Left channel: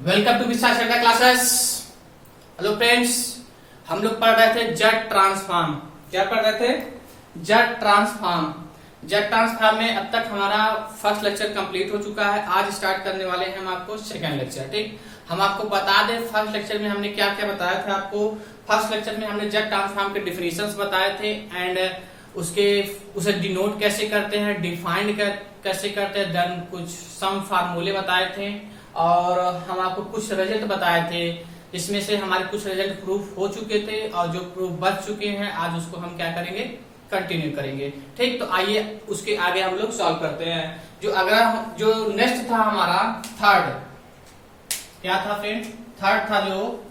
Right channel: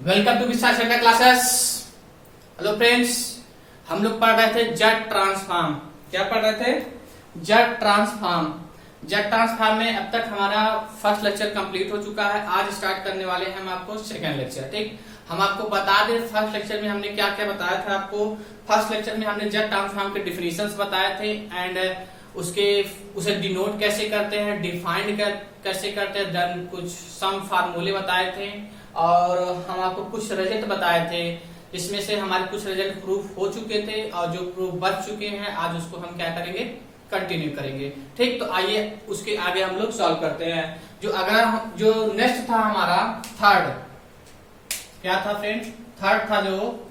Welcome to विशाल का classes. Hello friends, हम लोग पढ़ रहे थे जेड ट्रांसफॉर्म। क्या पढ़ रहे थे? Z transform. जेड ट्रांसफॉर्म में अब तक हमारा फर्स्ट लेक्चर कंप्लीट हो चुका है। आज स्टार्ट करने वाले हैं हम आपको सेकंड लेक्चर। ठीक, हम आपको बता दें फर्स्ट लेक्चर में हमने क्या क्या बताया था। आपको फर्स्ट लेक्चर में हमने जेड ट्रांसफॉर्म के डिफिनेशंस बताए थे एंड उसे डिनोट कैसे करते हैं, डिफाइंड कैसे करते हैं, देन कुछ सम फार्मूले बताए थे और हम आपको कुछ रिजल्ट बताए थे। इसमें से हमारे कुछ रिजल्ट प्रूफ हो चुके थे और जो प्रूफ बच चुके हैं आज उसको हम क्या करेंगे, कंटिन्यू करेंगे। ठीक, तो आइए उसके आगे हम लोग सॉल्व करते हैं। जो नेक्स्ट था हमारा थर्ड, क्या था फ्रेंड? थर्ड था जो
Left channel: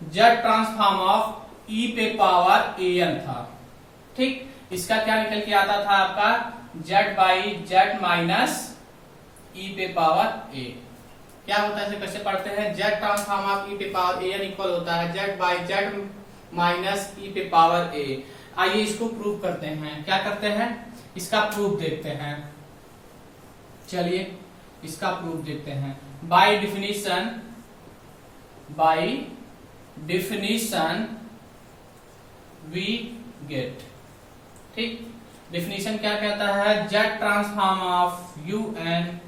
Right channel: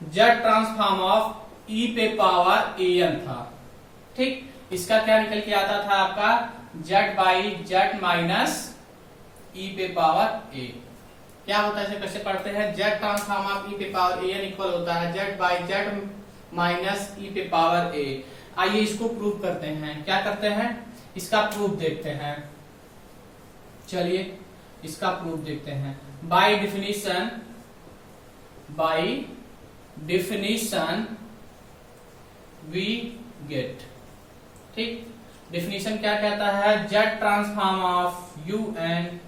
जेड ट्रांसफॉर्म ऑफ ई पे पावर ए एन था। ठीक, इसका क्या निकल के आता था आपका जेड बाई जेड माइनस ई पे पावर ए। क्या होता है, इसे कैसे पढ़ते हैं? जेड ट्रांसफॉर्म ऑफ ई पे पावर ए एन इक्वल होता है जेड बाई जेड माइनस ई पे पावर ए। आइए इसको प्रूव करते हैं। क्या करते हैं? इसका प्रूफ देखते हैं। चलिए इसका प्रूफ देखते हैं। By definition we get. ठीक, डिफिनीशन क्या कहता है? Z transform of U N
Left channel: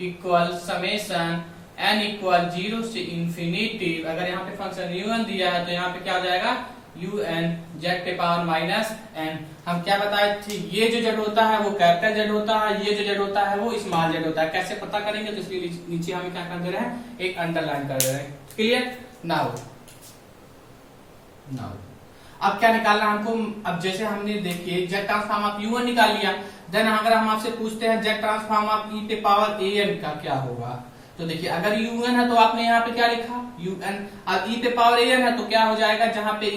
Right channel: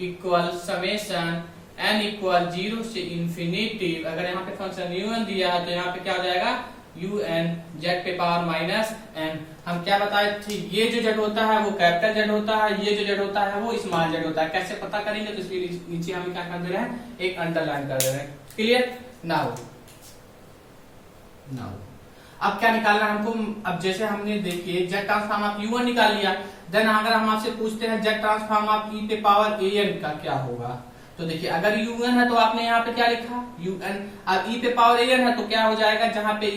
equal summation N equal 0 से इंफिनिटी। अगर यहाँ पे फंक्शन यू एन दिया है तो यहाँ पे क्या हो जाएगा? यू एन जेड पे पावर माइनस एन। हम क्या बताए थे? ये जो जेड होता है वो कैपिटल जेड होता है, ये जो जेड होता है वो स्मॉल जेड होता है। कैसे पता करेंगे? तो इसके नीचे हम क्या कर दे रहे हैं, एक अंडरलाइन कर दे रहे हैं। क्लियर? नाउ अब क्या निकालना है हमको? अब जैसे हमने देखिए Z transform of U N निकाल लिया, देन अगर हम आपसे पूछते हैं जेड ट्रांसफॉर्म ऑफ ई पे पावर ए एन का क्या होगा, तो देखिए अगर यू एन है तो आपने यहाँ पे क्या लिखा? U N. अब ई पे पावर ए एन है तो क्या हो जाएगा? जहां पे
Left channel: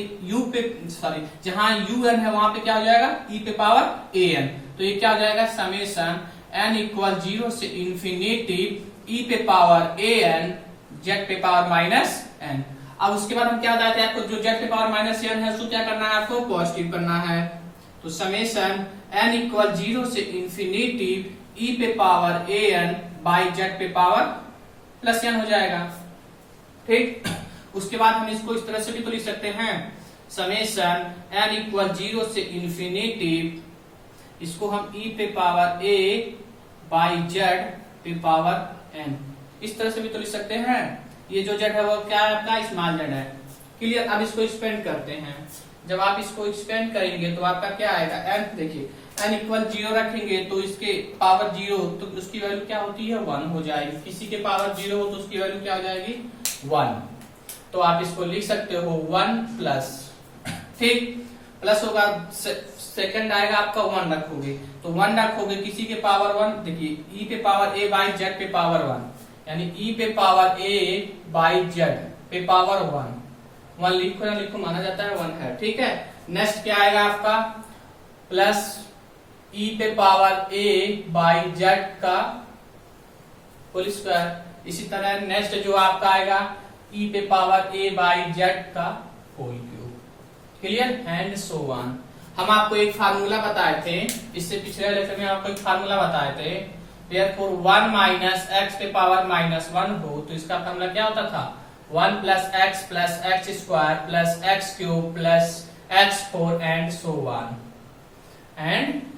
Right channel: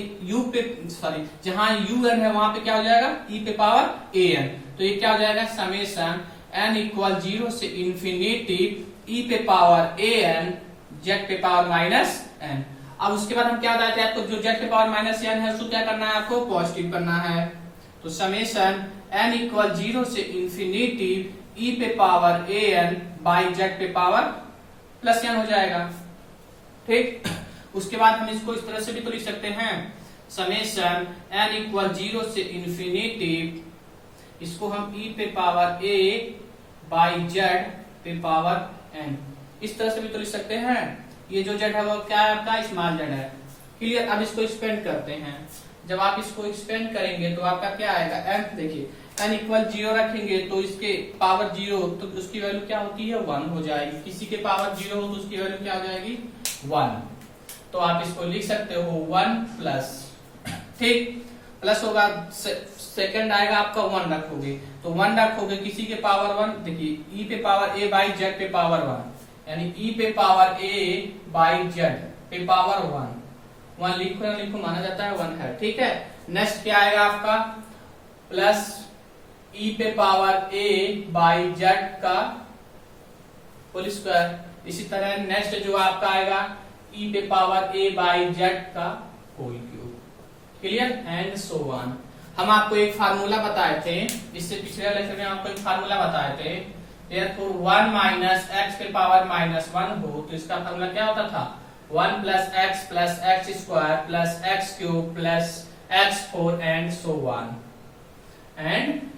जहां यू एन है वहां पे क्या हो जाएगा? ई पे पावर ए एन। तो ये क्या हो जाएगा? समेशन एन इक्वल 0 से इंफिनिटी ई पे पावर ए एन जेड पे पावर माइनस एन। अब उसके बाद हम क्या बताए थे आपको? जो जेड पे पावर माइनस एन है उसको क्या करना है? आपको पॉजिटिव करना है। तो समेशन एन इक्वल 0 से इंफिनिटी ई पे power A N by Z पे पावर प्लस एन हो जाएगा। ठीक, उसके बाद हम इसको इस तरह से भी तो लिख सकते हैं, समेशन एन इक्वल 0 से इंफिनिटी, इसको हम ई पे पावर ए बाई जेड पे पावर एन, इस तरह से भी तो लिख सकते हैं। ये जो जेड है वो क्या है? आपका स्मॉल जेड है। क्लियर? अब इसको एक्सपेंड करते हैं। जब आप इसको एक्सपेंड करेंगे तो आपका क्या आएगा? एन। देखिए एन इक्वल 0 रखेंगे तो इसके पावर 0 तो उसकी वैल्यू क्या होती है? 1 हो जाएगी। किसी के पावर 0 हो तो उसकी वैल्यू क्या हो जाएगी? 1। तो आप इसको लिख सकते हो 1 प्लस, ठीक, प्लस होगा, सेकंड आएगा आपका 1 रखोगे तो 1 रखोगे, किसी के पावर 1। देखिए ई पे पावर ए बाई जेड पे पावर 1, यानी ई पे पावर ए बाई जेड पे पावर 1 लिखो या लिखो माना जाता है 1 है। ठीक है, नेक्स्ट क्या आएगा आपका? प्लस ई पे पावर ए बाई जेड का होल स्क्वायर। इसी तरह नेक्स्ट जो आपका आएगा ई पे पावर ए बाई जेड का whole cube. Clear? And so on. हम आपको एक फार्मूला बताए थे, इससे पिछले लेक्चर में आपको एक फार्मूला बताए थे। Therefore 1 माइनस एक्स पे पावर माइनस 1 हो तो इसका फार्मूला क्या होता था? 1 plus x square plus x cube plus x 4 and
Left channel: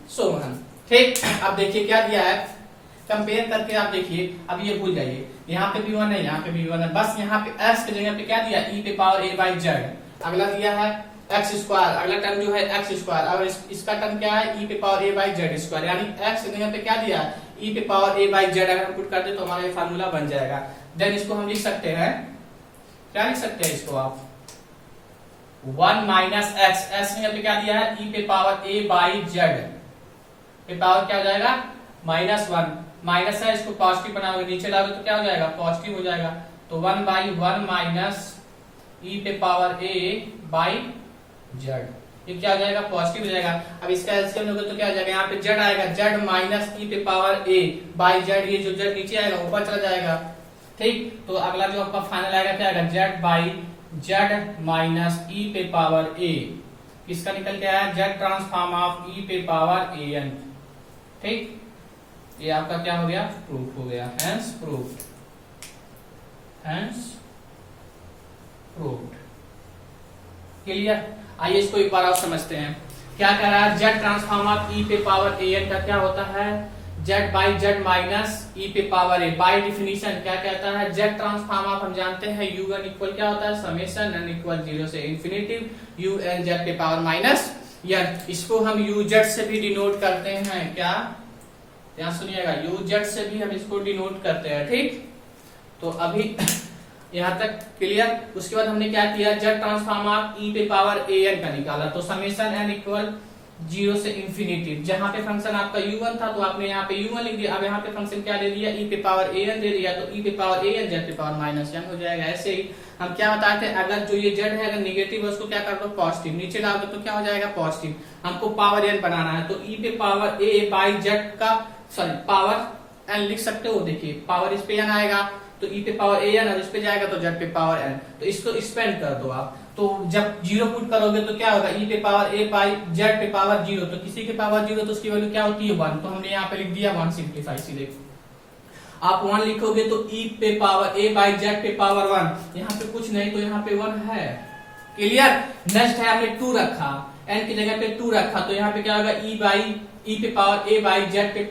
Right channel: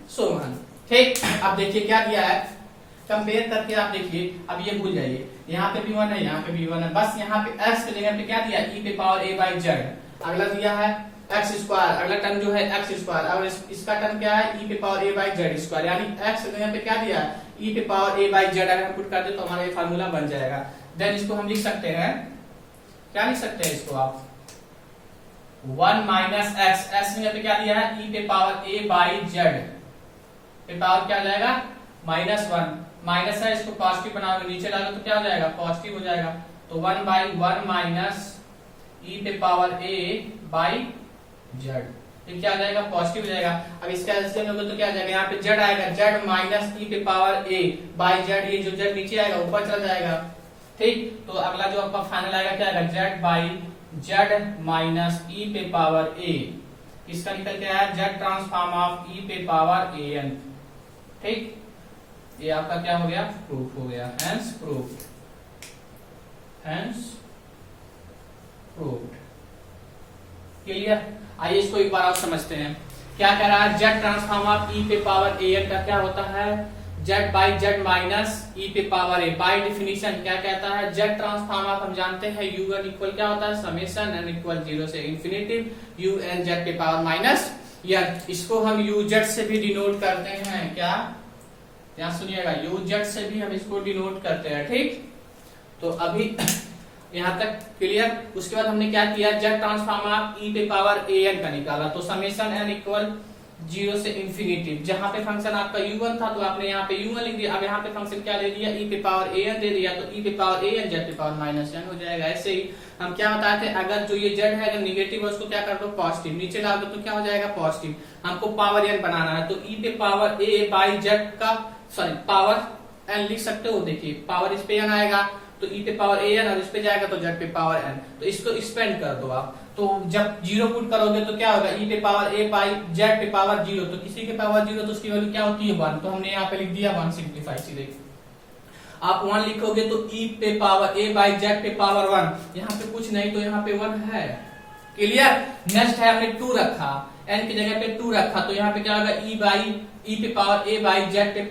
so on. ठीक, अब देखिए क्या दिया है, कंपेयर करके आप देखिए। अब ये भूल जाइए, यहाँ पे भी 1 है, यहाँ पे भी 1 है, बस यहाँ पे एक्स की जगह पे क्या दिया? ई पे पावर ए बाई जेड। अगला दिया है एक्स स्क्वायर, अगला टर्म जो है एक्स स्क्वायर। अब इसका टर्म क्या है? ई पे power A by Z square, यानी एक्स की जगह पे क्या दिया है? ई पे पावर ए बाई जेड। अगर हम पुट करते तो हमारा ये फार्मूला बन जाएगा। देन इसको हम लिख सकते हैं, क्या लिख सकते हैं इसको आप? 1 माइनस एक्स, एक्स की जगह पे क्या दिया है? ई पे पावर ए बाई जेड पे पावर क्या हो जाएगा? -1। माइनस है, इसको पॉजिटिव बनाओगे, नीचे डालोगे तो क्या हो जाएगा? पॉजिटिव हो जाएगा। तो 1 बाई 1 माइनस ई पे पावर ए बाई जेड, ये क्या हो जाएगा? पॉजिटिव हो जाएगा। अब इसका एलसीएम लोगे तो क्या हो जाएगा? यहाँ पे जेड आएगा, जेड माइनस ई पे पावर ए बाई जेड, ये जो जेड नीचे आएगा ऊपर चला जाएगा। ठीक, तो अगला जो आपका फाइनल आएगा क्या आएगा? जेड बाई जेड माइनस ई पे पावर ए। इसका निकल के आया जेड ट्रांसफॉर्म ऑफ ई पे पावर ए एन। ठीक, ये आपका क्या हो गया? प्रूफ हो गया, hence proof. Hence proved. Clear. आइए इसको एक बार और समझते हैं। क्या कह रहा है, जेड ट्रांसफॉर्म ऑफ ई पे पावर ए एन का क्या होता है, जेड बाई जेड माइनस ई पे पावर ए। बाई डिफिनीशन क्या कहता है, जेड ट्रांसफॉर्म ऑफ हम जानते हैं यू एन इक्वल क्या होता है, समेशन एन इक्वल 0 से इन्फिनिटी यू एन जेड पे पावर माइनस एन। इसको हम यू जेड से भी डिनोट करते हैं। क्या, यहाँ सुनिएगा, यू जेड से भी हम इसको डिनोट करते हैं। ठीक, तो अभी यहां तक क्लियर। उसके बाद हमने क्या किया, जेड ट्रांसफॉर्म ऑफ ई पे पावर ए एन का निकाला, तो समेशन एन इक्वल 0 से इन्फिनिटी। जहां पे फंक्शन आपका u1 था तो आपने यहाँ पे u1 लिख दिया। अब यहाँ पे फंक्शन क्या दे दिया, e पे पावर an दे दिया, तो e पे पावर an जेड पे पावर माइनस n हो जाएगा। ऐसे ही हम क्या बताते हैं, अगर जो ये जेड है अगर निगेटिव है उसको क्या कर दो पॉजिटिव, नीचे ला दो तो क्या हो जाएगा पॉजिटिव। हमको पावर n बनाना है तो e पे पावर a बाई जेड का सॉरी पावर n लिख सकते हो। देखिए पावर इस पे n आएगा तो e पे पावर an और इस पे जाएगा तो जेड पे पावर n, तो इसको एक्सपेंड कर दो आप। तो जब 0 पुट करोगे तो क्या होगा, e पे पावर a बाई जेड पे पावर 0, तो किसी के पावर 0 तो उसकी वैल्यू क्या होती है 1, तो हमने यहाँ पे लिख दिया 1 सिंप्लीफाई। सीधे आप 1 लिखोगे तो e पे पावर a बाई जेड पे पावर 1, यहाँ पे कुछ नहीं तो यहाँ पे 1 है। क्लियर। नेक्स्ट है हमने 2 रखा, n की जगह पे 2 रखा, तो यहाँ पे क्या होगा e पे पावर a बाई जेड पे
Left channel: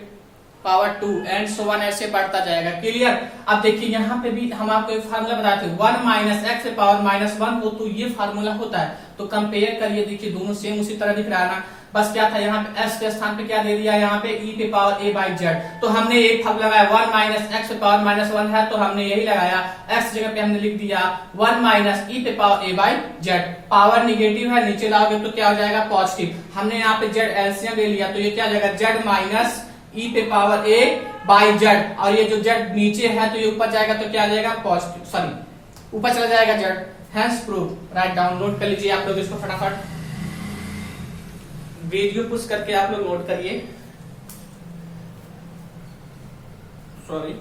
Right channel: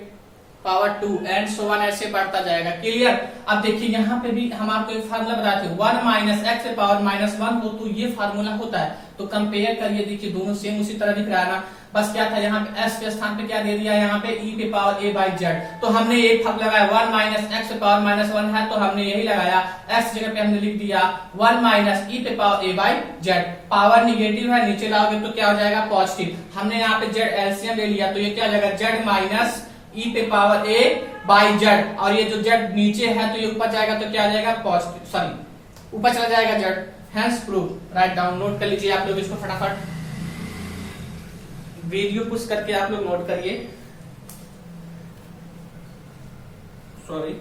पावर 2 एंड सो वन ऐसे बढ़ता जाएगा। क्लियर। अब देखिए यहाँ पे भी हम आपको एक फार्मूला बताते हैं, 1 माइनस एक्स पे पावर माइनस 1 हो तो ये फार्मूला होता है। तो कंपेयर करिए, देखिए दोनों सेम उसी तरह दिख रहा है ना। बस क्या था यहाँ पे s के स्थान पे क्या दे दिया, यहाँ पे e पे पावर a बाई जेड, तो हमने एक फर्क लगाया 1 माइनस एक्स पे पावर माइनस 1 है तो हमने यही लगाया, s जगह पे हमने लिख दिया 1 माइनस e पे power a by Z. Power negative है, नीचे लाओगे तो क्या हो जाएगा पॉजिटिव। हमने यहाँ पे जेड एलसीएम ले लिया तो ये क्या हो जाएगा, जेड माइनस e पे पावर a बाई जेड, और ये जो जेड नीचे है तो ये ऊपर जाएगा तो क्या आ जाएगा पॉजिटिव, सॉरी ऊपर चला जाएगा Z. Hence proof. Write down, note कर लीजिए आप लोग इसको फटाफट, वीडियो पुश करके आप लोग नोट करिए। सॉरी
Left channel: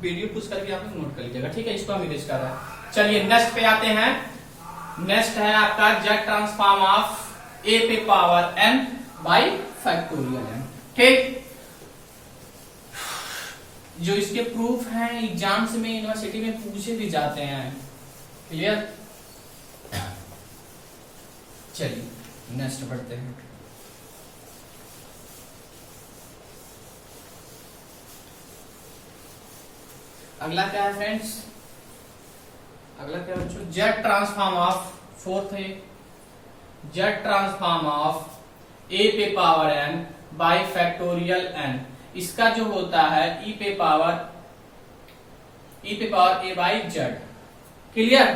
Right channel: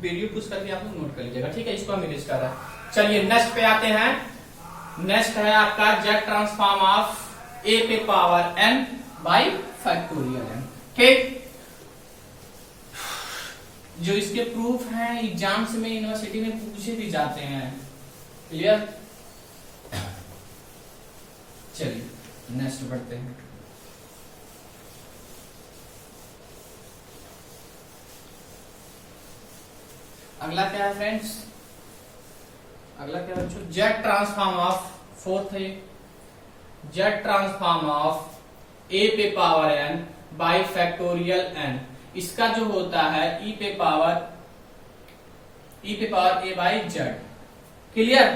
वीडियो पुश करके आप लोग नोट कर लीजिएगा। ठीक है, इसको हम इरेज कर रहे हैं। चलिए नेक्स्ट पे आते हैं। नेक्स्ट है आपका जेड ट्रांसफॉर्म ऑफ a पे power n by factorial n। ठीक, जो इसके प्रूफ हैं एग्जाम्स में यूनिवर्सिटी में पूछे भी जाते हैं। क्लियर। चलिए नेक्स्ट बढ़ते हैं। अगला क्या है फ्रेंड्स, अगला क्या बच्चों, जेड ट्रांसफॉर्म ऑफ, फोर्थ है जेड ट्रांसफॉर्म ऑफ a पे power n by factorial n। इसका जो होता है e पे power a by Z. Clear,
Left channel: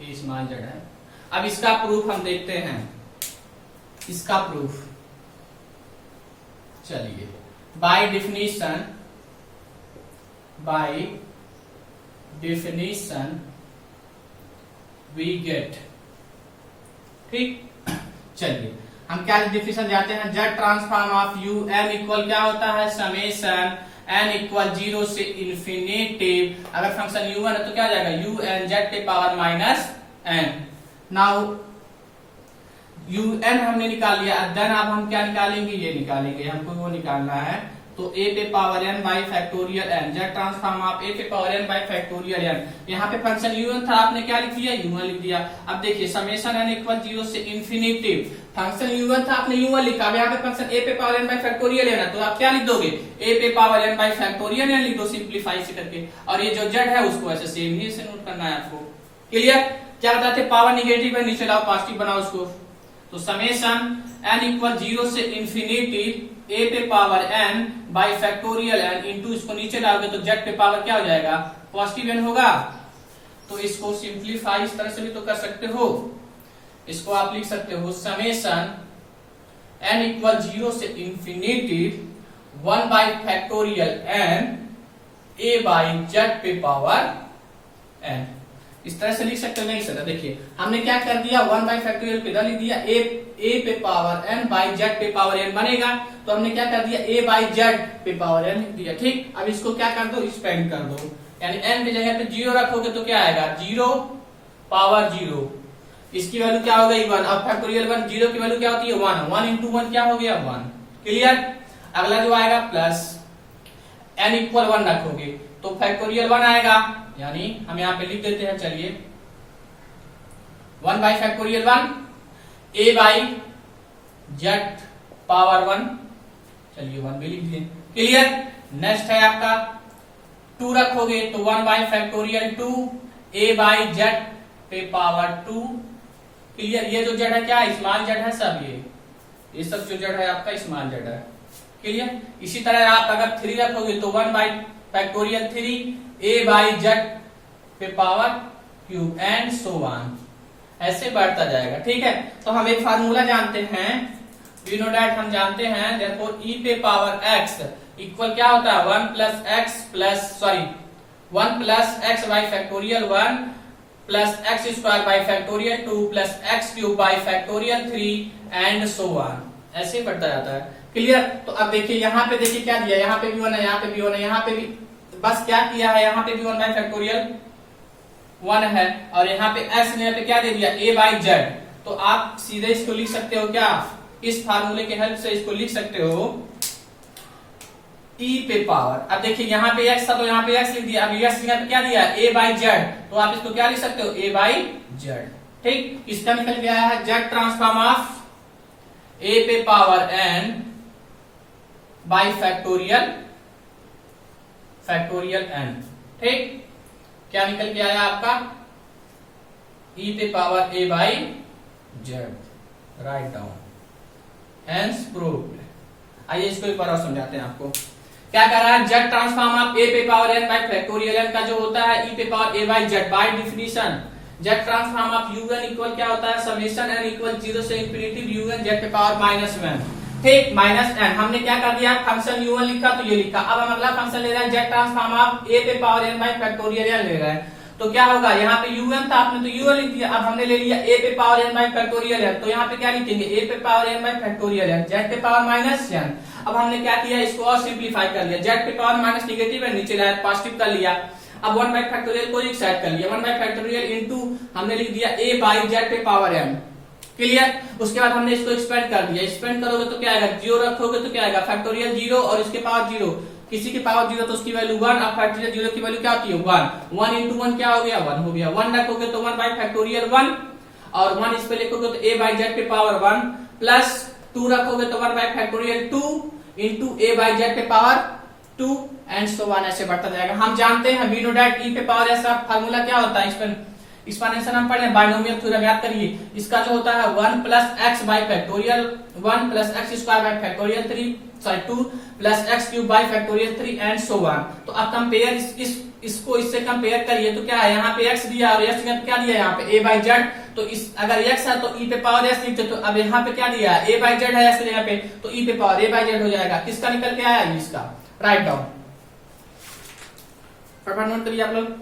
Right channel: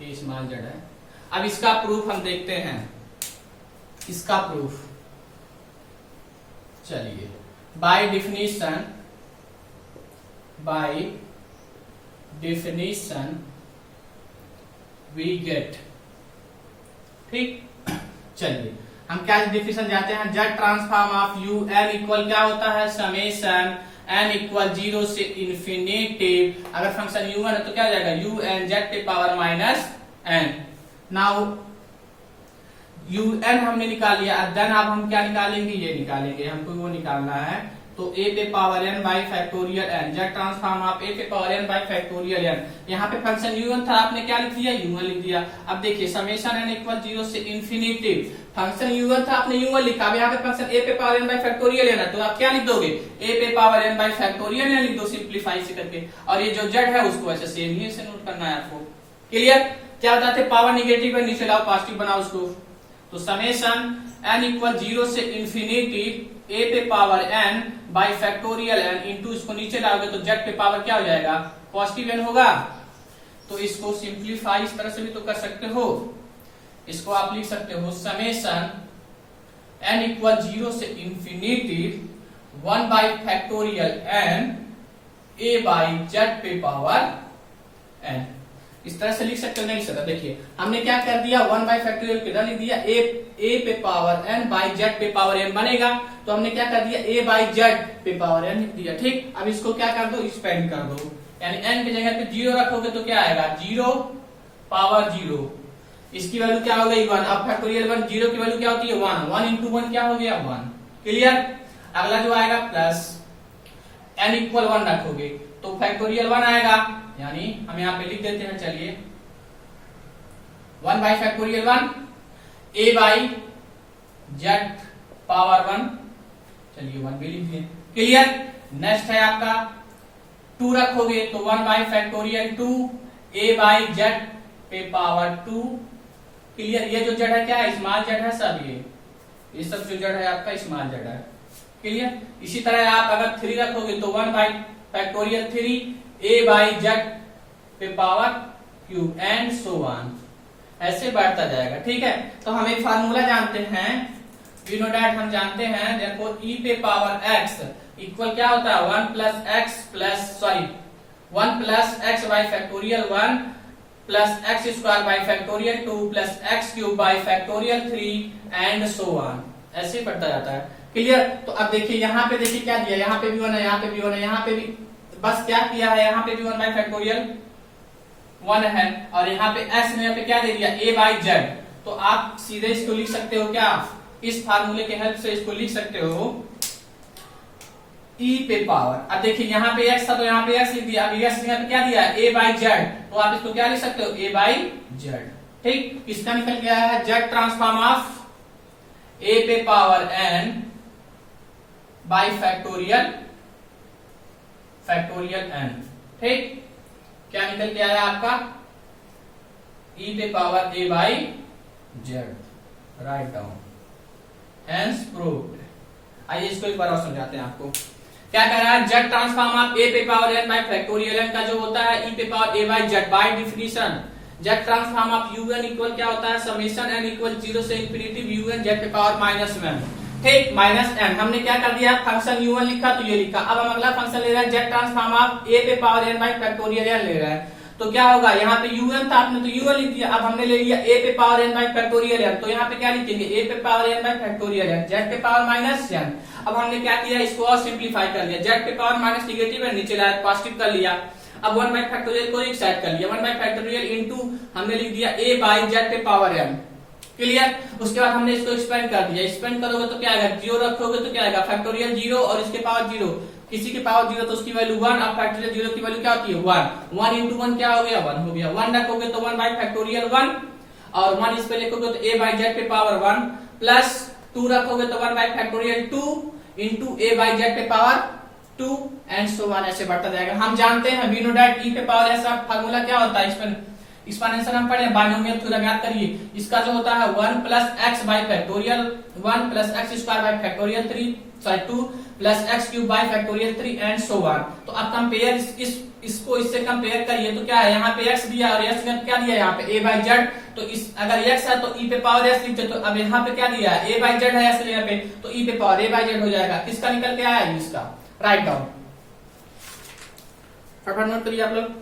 ये स्मॉल जेड है। अब इसका प्रूफ हम देखते हैं, इसका प्रूफ चलिए बाय डिफिनीशन वी गेट। ठीक, चलिए हम क्या डिफिनीशन जानते हैं, Z transform of U N equal क्या होता है, समेशन एन इक्वल 0 से इन्फिनिटी। अगर फंक्शन यू एन है तो क्या हो जाएगा, यू एन जेड पे power minus N. Now U N हमने निकाल लिया, अब देन अब हम क्या निकालेंगे, ये निकालेंगे, हमको वो निकालना है। तो a पे power n by factorial n, Z transform of a पे power n by factorial n। यहाँ पे फंक्शन u1 था, आपने क्या लिख दिया, u1 लिख दिया। अब देखिए समेशन n इक्वल 0 से इन्फिनिटी, फंक्शन u1 था, आपने u1 लिखा। अब यहाँ पे फंक्शन a पे power n by factorial n है, तो आप क्या लिख दोगे, a पे power n by factorial n लिख दो सिंप्लीफाई से करके। और ये जो z है उसको ऐसे सेम ही से नोट करना है आपको। क्लियर। क्या बताते, पावर निगेटिव है, नीचे लाओ पॉजिटिव बनाओ उसको। तो समेशन n इक्वल 0 से इन्फिनिटी a पे power n by factorial n into, इसको नीचे डालोगे तो z पे पावर क्या हो जाएगा, पॉजिटिव n होगा। तो इसको सिंप्लीफाई इस तरह से भी तो कर सकते हो, इसको आप लिख सकते हो समेशन n इक्वल 0 से infinity 1 by factorial n a by z पे पावर n। इस तरह से लिख सकते हो, नहीं सर देखिए हमने क्या कर दिया, 1 बाई फैक्टोरियल किधर लिख दिया, a पे पावर n बाई z पे पावर n बनेगा, तो हमने क्या कर दिया, a बाई z पे पावर n लिख दिया। ठीक, अब इसको क्या कर दो, एक्सपेंड कर दो, यानी n की जगह पे 0 रखोगे तो क्या आएगा, 0 पावर 0, इसकी वैल्यू क्या हो गई 1। अब फैक्टोरियल 1, 0 की वैल्यू क्या होती है 1, 1 इंटू 1 क्या हो गया 1। क्लियर। अगला जो आएगा प्लस n इक्वल 1 रखोगे तो फैक्टोरियल 1 आएगा, यानी हम यहाँ पे लिख देते हैं, चलिए 1 by factorial 1 a by z power 1, चलिए 1 भी लिख दिए, क्लियर। नेक्स्ट है आपका 2 रखोगे तो 1 by factorial 2 a by z पे पावर 2, क्लियर। ये जो जड़ है क्या है, स्मॉल जड़ है सब, ये सब जो जड़ है आपका स्मॉल जड़ है, क्लियर। इसी तरह आप अगर 3 रखोगे तो 1 by factorial 3 a by z पे power cube and so on, ऐसे बढ़ता जाएगा, ठीक है। तो हम एक फार्मूला जानते हैं, वी नो दैट, हम जानते हैं देखो e पे पावर x इक्वल क्या होता है 1 plus x by factorial 1 plus x square by factorial 2 plus x cube by factorial 3 and so on, ऐसे बढ़ता जाता है, क्लियर। तो अब देखिए यहाँ पे देखिए क्या दिया, यहाँ पे भी 1 है, यहाँ पे भी 1 है, यहाँ पे भी बस क्या किया है, यहाँ पे भी 1 बाई फैक्टोरियल 1 है और यहाँ पे एक्स ने यहाँ पे क्या दे दिया a बाई जेड। तो आप सीधे इसको लिख सकते हो क्या, इस फार्मूले के हेल्प से इसको लिख सकते हो e पे पावर, अब देखिए यहाँ पे x था तो यहाँ पे x लिख दिया, अब x ने क्या दिया a बाई जेड, तो आप इसको क्या लिख सकते हो a बाई जेड, ठीक। इसका निकल गया है जेड ट्रांसफॉर्म ऑफ a पे power n by factorial n, ठीक। क्या निकल के आया आपका e पे power a by Z, write down, hence proved. आइए इसको एक बार और समझाते हैं आपको, क्या कर रहा है, जेड ट्रांसफॉर्म ऑफ a पे power n by factorial n का जो होता है e पे power a by Z, by definition Z transform of un equal क्या होता है, समेशन n इक्वल 0 से इंफिनिटी un जेड पे पावर -1, ठीक, -n। हमने क्या कर दिया, फंक्शन u1 लिखा तो ये लिखा, अब हम अगला फंक्शन ले रहे हैं जेड ट्रांसफॉर्म ऑफ a पे power n by factorial n ले रहे हैं, तो क्या होगा, यहाँ पे un था आपने तो u1 लिख दिया, अब हमने ले लिया a पे power n by factorial n, तो यहाँ पे क्या लिखेंगे a पे power n by factorial n, z पे पावर -n। अब हमने क्या किया, इसको और सिंप्लीफाई कर लिया, z पे पावर माइनस निगेटिव है, नीचे लाया पॉजिटिव कर लिया, अब 1 बाई फैक्टोरियल को एक साइड कर लिया, 1 बाई फैक्टोरियल इनटू हमने लिख दिया a बाई z पे पावर n, क्लियर। उसके बाद हमने इसको एक्सपेंड कर दिया, एक्सपेंड करोगे तो क्या आएगा, 0 रखोगे तो क्या आएगा फैक्टोरियल 0 और इसके पावर 0, किसी की पावर 0 तो उसकी वैल्यू 1, अब फैक्टोरियल 0 की वैल्यू क्या होती है 1, 1 इंटू 1 क्या हो गया 1 हो गया, 1 रखोगे तो 1 बाई फैक्टोरियल 1 और 1 इस पे लिखोगे तो a बाई जेड पे पावर 1 प्लस 2 रखोगे तो 1 by factorial 2 into a by Z पे पावर 2 एंड सो ऑन, ऐसे बढ़ता जाएगा। हम जानते हैं वी नो दैट e पे पावर ऐसा फार्मूला क्या होता है, एक्सपोनेंशियल हम पढ़े बाइनोमियल थ्योरम, याद करिए, इसका जो होता है 1 plus x by factorial 1 plus x square by factorial 2 plus x cube by factorial 3 and so on. तो अब कंपेयर इसको इससे कंपेयर करिए तो क्या है, यहाँ पे x दिया और x क्या दिया यहाँ पे a बाई जेड, तो इस अगर x है तो e पे पावर s लिखते, तो अब यहाँ पे क्या दिया a बाई जेड है s जगह पे, तो e पे पावर a बाई जेड हो जाएगा, किसका निकल के आया इसका, राइट डाउन, फटाफट नोट करिए आप लोग।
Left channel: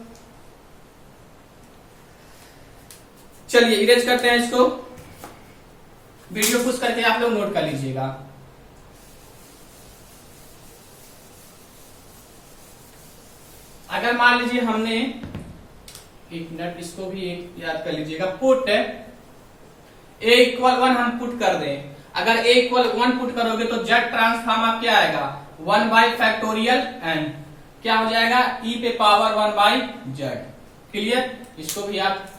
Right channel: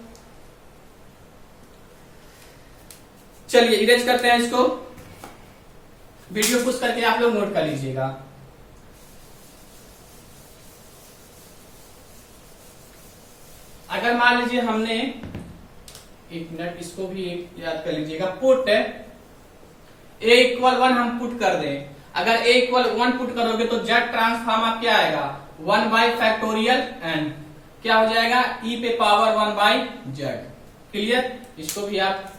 चलिए इरेज करते हैं इसको, वीडियो पुश करके आप लोग नोट कर लीजिएगा। अगर मान लीजिए हमने, एक मिनट इसको भी एक याद कर लीजिएगा, पुट a इक्वल 1 हम पुट कर दें, अगर a इक्वल 1 पुट करोगे तो z ट्रांसफॉर्म आप क्या आएगा 1 बाई फैक्टोरियल n, क्या हो जाएगा e पे पावर 1 बाई z, क्लियर। इसको भी आप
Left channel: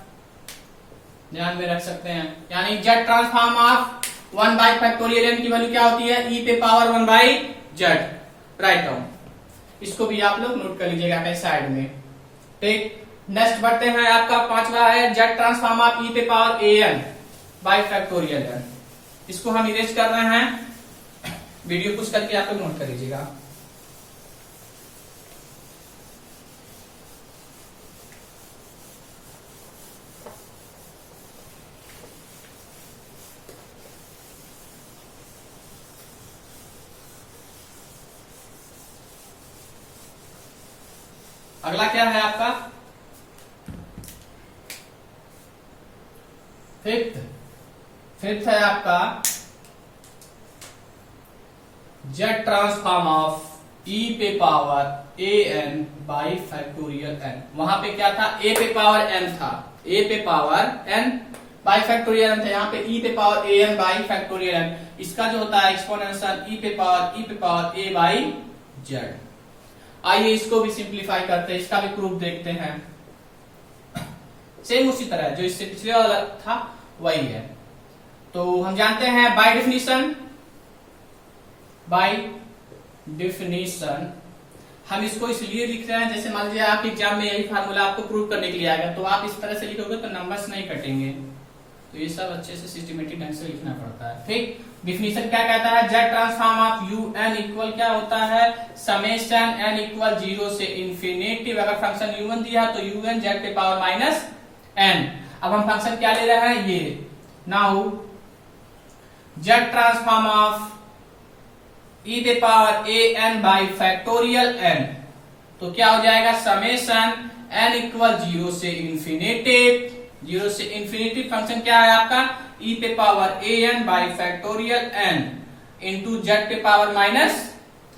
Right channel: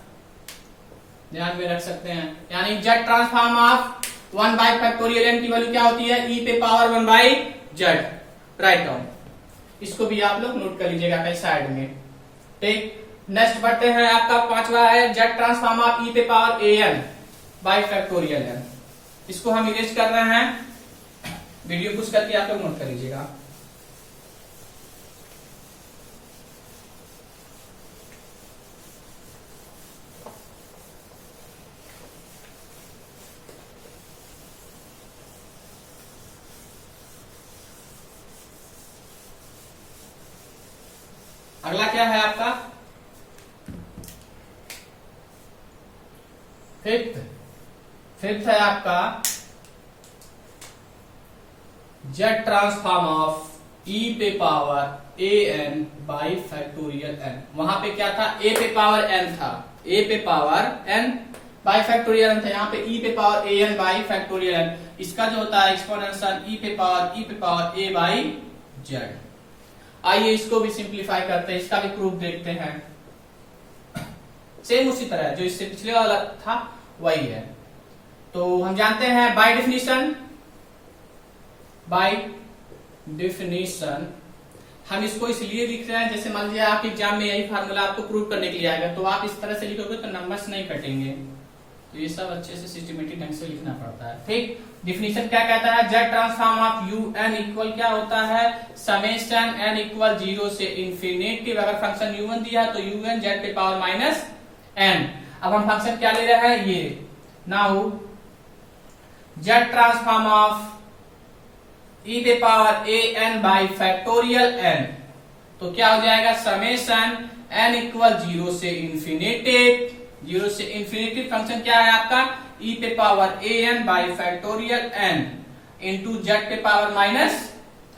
ध्यान में रख सकते हैं, यानी z transform of 1 by factorial n की वैल्यू क्या होती है e पे power 1 by z, write down. इसको भी आप लोग नोट कर लीजिएगा अपने साइड में, ठीक। नेक्स्ट बढ़ते हैं, आपका पांचवा है z ट्रांसफॉर्म ऑफ e पे power an by factorial n, इसको हम इरेज कर रहे हैं, वीडियो पुश करके आप लोग नोट कर लीजिएगा। अगला क्या है आपका फिफ्थ है आपका जेड ट्रांसफॉर्म ऑफ e पे power an by factorial n। वहां पे क्या था a पे पावर n था, a पे power n by factorial n था, यहाँ पे e पे power an by factorial n। इसका जो होता है एक्सपोनेंशियल e पे पावर a बाई z। आइए इसको भी सिंप्लीफाई करते हैं, इसका भी प्रूफ देखते हैं। सेम उसी तरह जो इससे पिछले वाला था वही है। तो हम जानते हैं बाय डेफिनेशन हम इसको इसलिए लिख रहे हैं, जैसे मान लीजिए आप एग्जाम में यही फार्मूला आपको प्रूव करने के लिए आएगा, तो आप इस तरह से लिखोगे तो नंबर्स नहीं कटेंगे, तो ये सब अच्छे से सिस्टमेटिक ढंग से लिखना पड़ता है। ठीक, डिफिनीशन क्या कहता है, Z transform of U N equal क्या होता है, समेशन एन इक्वल 0 से इंफिनिटी। अगर फंक्शन यू एन दिया तो यू एन जेड के पावर माइनस एन। अब हम फंक्शन क्या ले रहे हैं, ये now Z transform of E पे power A N by factorial N, तो क्या हो जाएगा, समेशन एन इक्वल 0 से इंफिनिटी, 0 से इंफिनिटी फंक्शन क्या है आपका, ई पे power A N by factorial N into Z पे पावर माइनस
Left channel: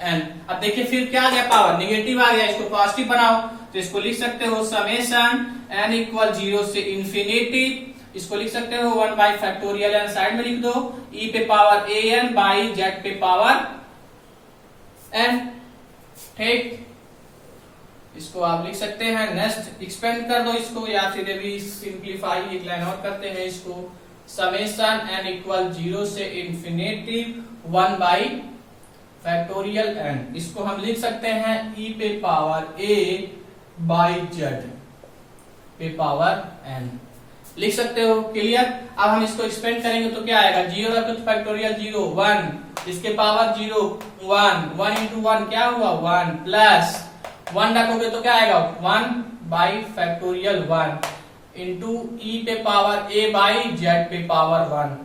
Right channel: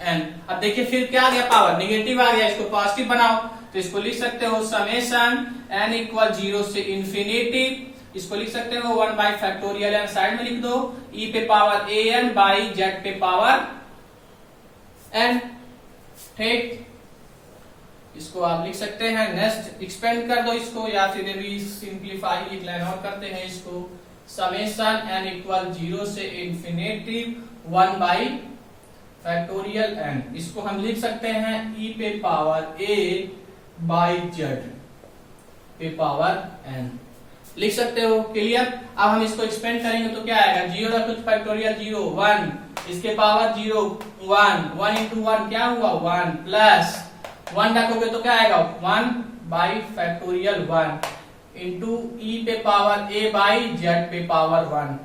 एन। अब देखिए फिर क्या आ गया, पावर निगेटिव आ गया, इसको पॉजिटिव बनाओ, तो इसको लिख सकते हो समेशन एन इक्वल 0 से इंफिनिटी, इसको लिख सकते हो 1 बाई फैक्टोरियल एन, साइड में लिख दो, ई पे power A N by Z पे पावर एन। ठीक, इसको आप लिख सकते हैं, नेक्स्ट एक्सपेंड कर दो इसको, या फिर अभी सिंप्लीफाई एक लाइन और करते हैं इसको, समेशन एन इक्वल 0 से इंफिनिटी 1 बाई फैक्टोरियल एन, इसको हम लिख सकते हैं ई पे पावर ए बाई जेड पे पावर एन, लिख सकते हो, क्लियर। अब हम इसको एक्सपेंड करेंगे तो क्या आएगा, 0 रखो तो फैक्टोरियल 0 1, इसके पावर 0 1, 1 इंटू 1 क्या हुआ 1, प्लस 1 रखोगे तो क्या आएगा 1 बाई फैक्टोरियल 1 इंटू ई पे पावर ए बाई जेड पे पावर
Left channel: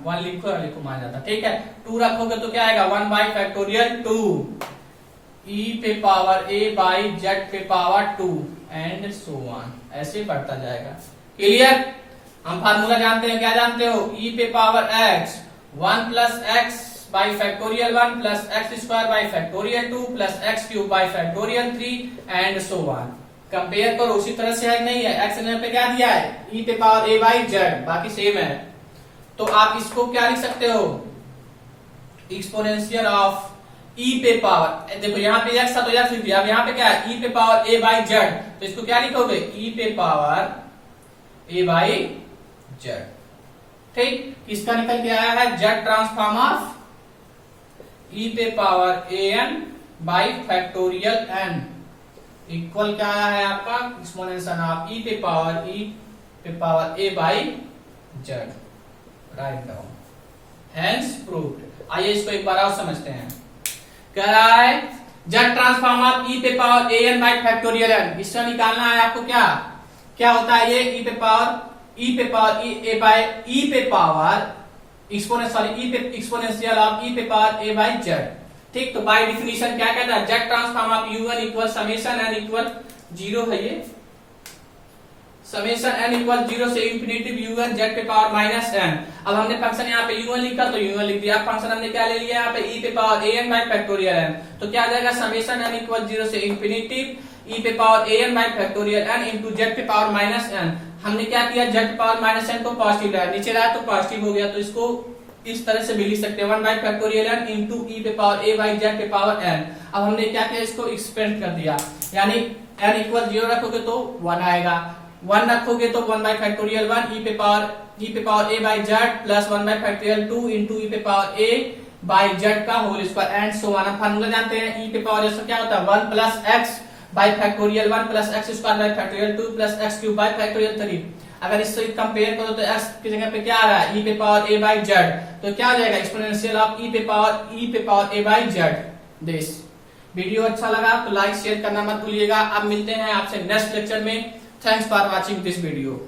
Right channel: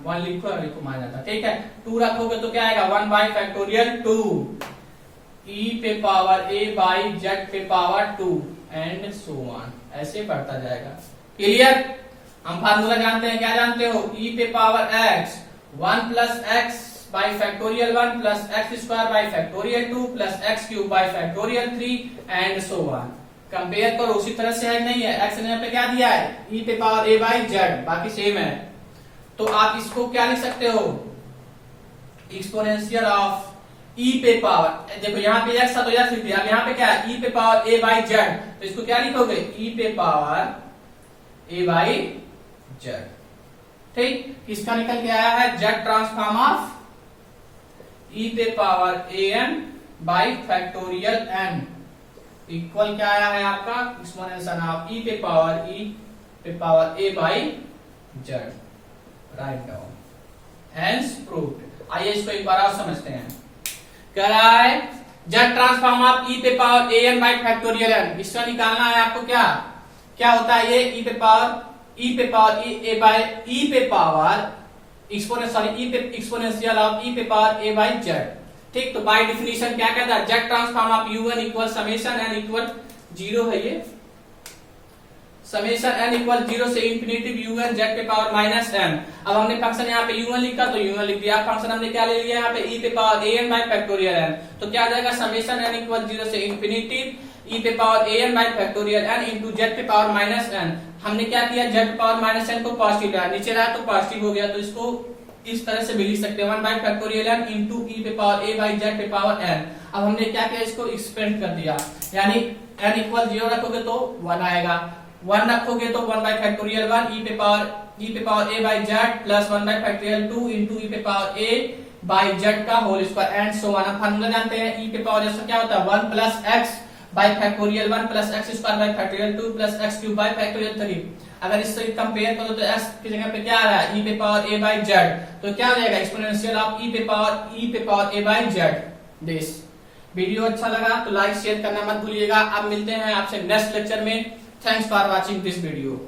1 लिखो मान जाता, ठीक है। 2 रखोगे तो क्या आएगा 1 बाई फैक्टोरियल 2 ई पे पावर ए बाई जेड पे पावर 2 एंड सो ऑन, ऐसे बढ़ता जाएगा, क्लियर। हम फार्मूला जानते हैं, क्या जानते हो, ई पे power x 1 plus x by factorial 1 plus x square by factorial 2 plus x cube by factorial 3 and so on. Compare करो उसी तरह से है, नहीं है, एक्स ने पे क्या दिया है, ई पे पावर ए बाई जेड, बाकी सेम है, तो आप इसको क्या लिख सकते हो, एक्सपोनेंशियल ऑफ ई पे पावर, देखो यहाँ पे एक्स था तो एक्स लिख दिया, अब यहाँ पे क्या है, ई पे पावर ए बाई जेड, तो इसको क्या लिखोगे, ई पे पावर ए बाई जेड। ठीक, इसका निकल के आया है जेड ट्रांसफॉर्म ऑफ ई पे power A N by factorial N equal क्या आया है आपका, एक्सपोनेंशियल ऑफ ई पे power A by Z, write down, hence proved. आइए इसको एक बार और समझते हैं, कह रहा है जेड ट्रांसफॉर्म ऑफ ई पे power A N by factorial N, इसका निकालना है आपको, क्या होता है ये, ई पे पावर ए बाई ई पे पावर एक्सपोनेंशियल ऑफ ई पे पावर ए बाई जेड। ठीक, तो बाय डिफिनीशन क्या कहता है, Z transform of U N equal summation N equal 0 है, ये समेशन एन इक्वल 0 से इंफिनिटी यू एन जेड पे पावर माइनस एन। अब हमने फंक्शन यहाँ पे यू एन लिखा तो यू एन लिख दिया, फंक्शन हमने क्या ले लिया यहाँ पे, ई पे power A N by factorial N, तो क्या आ जाएगा, समेशन एन इक्वल 0 से इंफिनिटी ई पे power A N by factorial N into Z पे पावर माइनस एन। हमने क्या किया, जेड पावर माइनस एन को पॉजिटिव लाया, नीचे लाया तो पॉजिटिव हो गया, तो इसको इस तरह से भी लिख सकते हैं 1 by factorial N into E पे पावर ए बाई जेड पे पावर एन। अब हमने क्या किया, इसको एक्सपेंड कर दिया, यानी एन इक्वल 0 रखोगे तो 1 आएगा, 1 रखोगे तो 1 बाई फैक्टोरियल 1 ई पे power A by Z plus 1 by factorial 2 into E पे पावर ए बाई जेड का whole square and so on. हम फार्मूला जानते हैं, ई पे पावर जैसा क्या होता है 1 plus x by factorial 1 plus x square by factorial 2 plus x cube by factorial 3। अगर इससे कंपेयर करो तो एक्स की जगह पे क्या आ रहा है, ई पे पावर ए बाई जेड, तो क्या हो जाएगा, एक्सपोनेंशियल ऑफ ई पे power A by Z this. Video अच्छा लगा तो लाइक शेयर करना मत भूलिएगा। अब मिलते हैं आपसे नेक्स्ट लेक्चर में। Thanks for watching this video.